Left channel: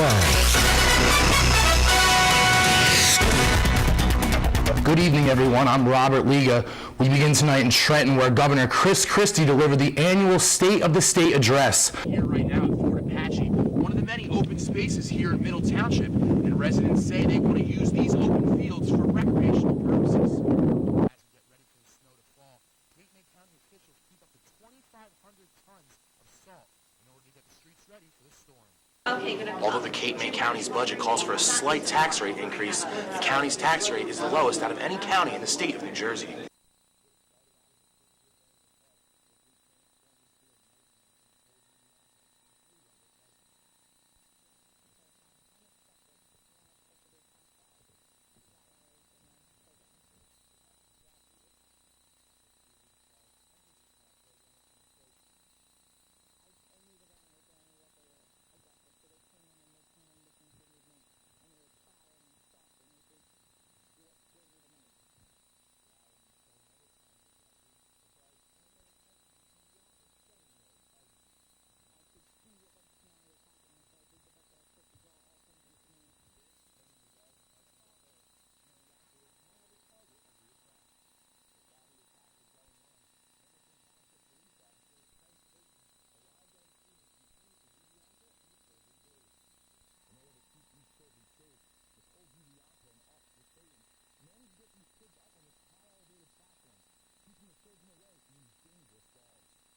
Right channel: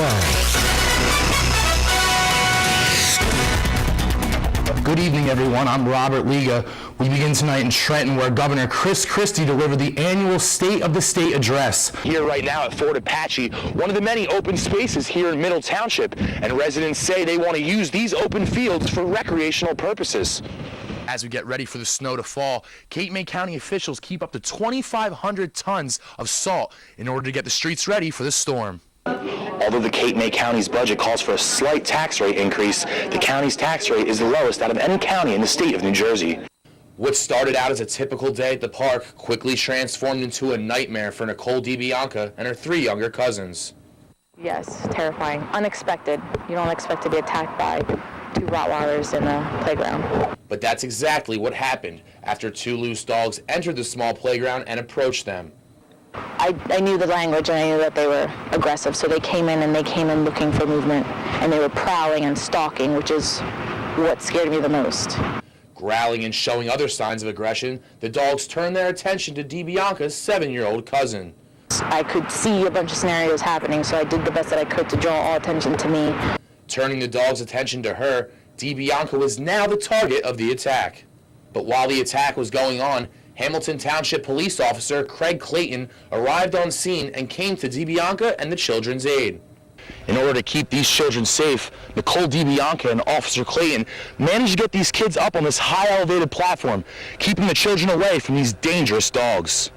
Good evening, everyone. I'm Robert Liga. We begin tonight in Trenton, where Governor Chris Christie delivered the annual State of the State address. Here right now at Fort Apache, one of the many open spaces here in Middle Township, and residents say they want to use these open fields for recreational purposes. As we get ready for the snow to fall, Cape May County officials keep up to 2,500 tons of salt in order to get the streets ready for the storm. Although the Cape May County's budget calls for a slight tax rate increase, the county's tax rate is the lowest out of any county in the state of New Jersey. What started out as a typical day at the park quickly transformed into a nightmare for Nicole DiBianca and her 3 younger cousins. Yes, terrifying. Unexpected. You don't expect to be attacked by 2 Rottweilers in a playground. But that's exactly what happened after 2 loose dogs entered the small playground and approached them. I knew the language and I knew that they were aggressive, so they came in looking for movement, and they were prowling and stalking, which is what scared me the most. Growling and showing other signs of aggression, the dogs turned their attention to DiBianca's 7-year-old cousin. I could see a bunch of scenarios happening, so I did the best that I could to draw all attention to me. Turning the dogs' attention to her, DiBianca was now the target of the attack. But while the attack was going on, Hamilton Township Police Officer Craig Clayton arrived on scene and came to DiBianca and the children's aid. In order to keep these children safe, Nicole DiBianca and Officer Clayton managed to get these kids up on this high elevated platform, keeping the children away from these dangerous dogs.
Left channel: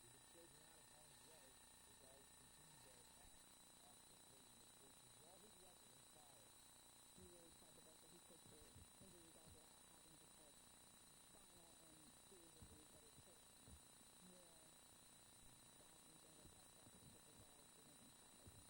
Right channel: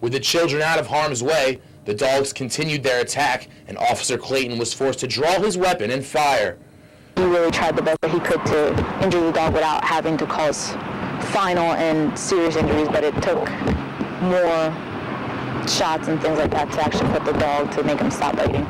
With the children out of harm's way, the dogs continued their attack, and Officer Clayton was forced to draw his weapon and fire. He really tried the best that he could to injure the dog without having to cause final and serious injuries, but it took more shots and things like that to actually put the dog to make him stop biting.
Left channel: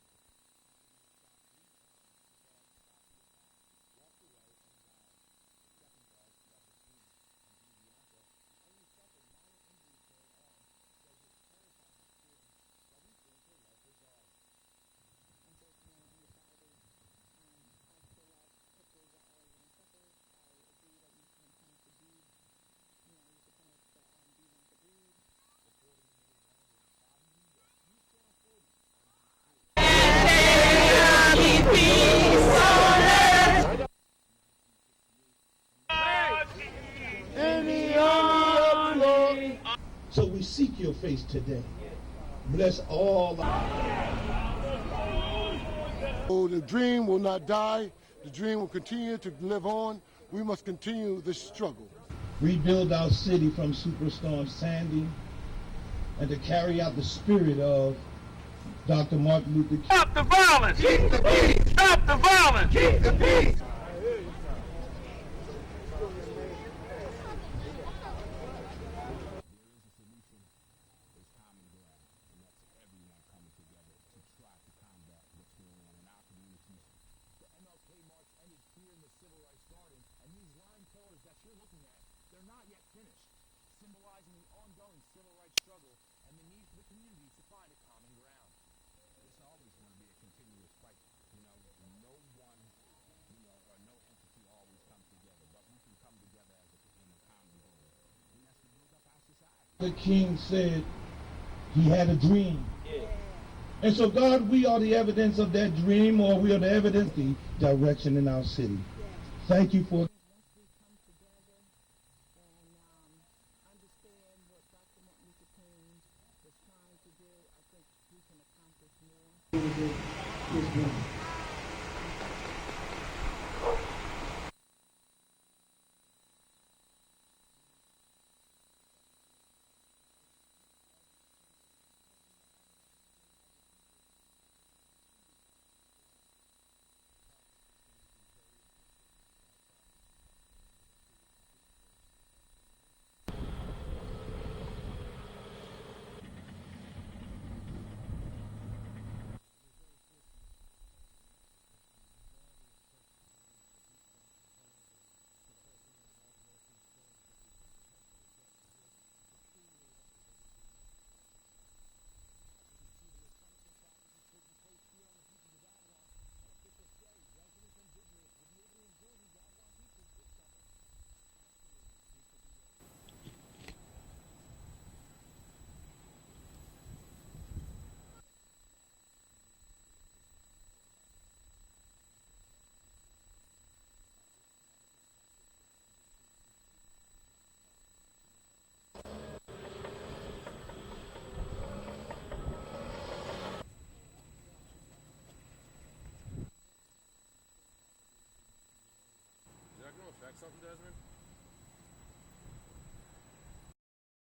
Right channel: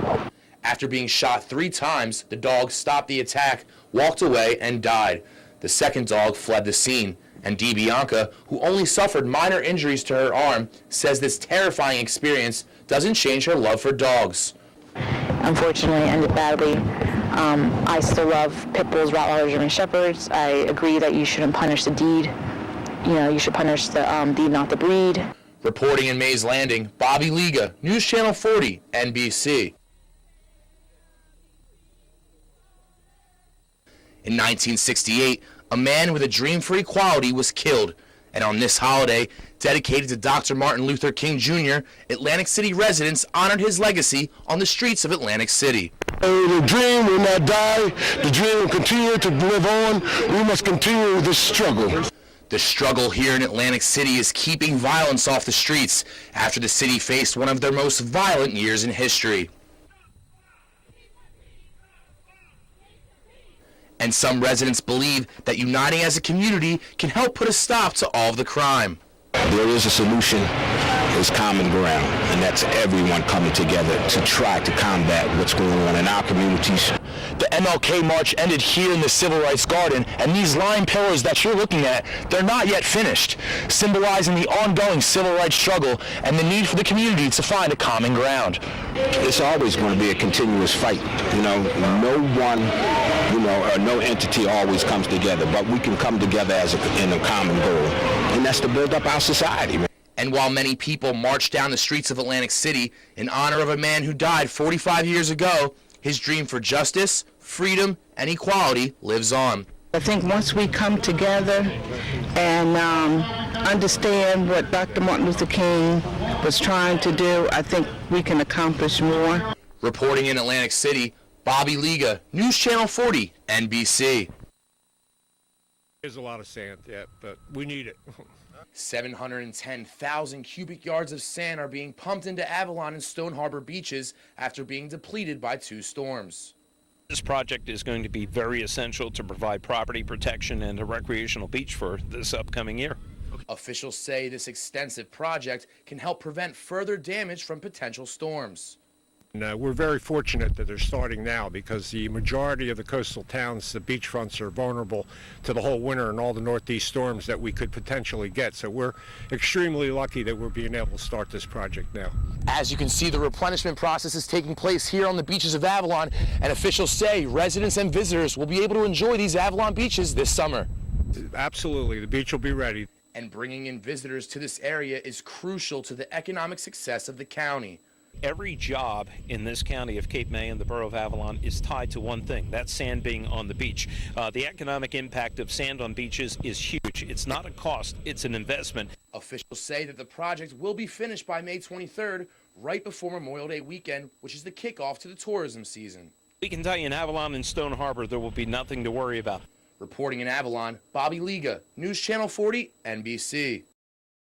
After being shot 3 times, the dog stopped the attack, walked away, and died. The second dog fled the scene, and DiBianca, who only suffered minor injuries to her arm, says this terrifying experience doesn't change her love for dogs. Unfortunately, it ended badly. I still love pit bulls, Rottweilers, German Shepherds. I agree that you shouldn't punish the deed. You should punish the deed, not the breed. Reporting in Mays Landing, Bobby Liga, News Channel 40, NBC. In 1968, a man with a dream for equality was killed, and on this holiday, dedicated to Dr. Martin Luther King Jr., Atlantic City residents honored his legacy on the streets of Atlantic City. The dream will not die. The dream will continue to live on. We must continue this struggle. The struggle here in Atlantic City is keeping violence off the streets after the city faced one of their most violent years in history. Stop the violence! Keep the peace! Stop the violence! Keep the peace! And some residents believe that uniting as a community can help put a stop to all of the crime. There is a solution, it's common ground, and that's everyone coming together to try to combat what's going on in our communities. The MLK March ended here in the Civil Rights Garden, and these line pillars that you're looking at, they're not yet finished, symbolizing the ongoing civil rights struggle and the need for the community to find a common ground. It's always going to be a continuous fight. No one, or no entity always comes together, but we can come together in a common goal, and that's to build up our society. And while many people march down the streets of Atlantic City in honor of a man who died 45 years ago, his dream for justice, freedom, and equality lives on. I think once we come together and understand what Dr. Martin Luther King was trying to do, I think we can accomplish more. Reporting in Atlantic City, Bobby Liga, News Channel 40, NBC. There's a lot of sand, yeah, but we need it. 710,000 cubic yards of sand are being pumped into Avalon and Stone Harbor beaches after being depleted by 2 storms. This project is going to be very essential to provide property protection and a recreational beach for this upcoming year. Officials say this extensive project can help prevent further damage from potential storms. And we're very fortunate that they're starting now because the majority of the coastal towns, the beachfronts, are vulnerable to the whole winter and all the northeast storms that we could potentially get. So we're extremely lucky that we're being able to start this project now. As you can see, the replenishment process is taking place here on the beaches of Avalon, and officials say residents and visitors will be able to enjoy these Avalon beaches this summer. Absolutely, the beach will be ready. And bringing in visitors to this area is crucial to the economic success of the county. Every job in this county of Cape May and the borough of Avalon is tied to one thing, that's sand being on the beach. The economic impact of sand on beaches is huge. It's not a cost, it's an investment. Officials say that the project will be finished by May 23rd, right before Memorial Day weekend, which is the kickoff to the tourism season. We can tell you in Avalon and Stone Harbor there will be nothing to worry about. Reporting in Avalon, Bobby Liga, News Channel 40, NBC.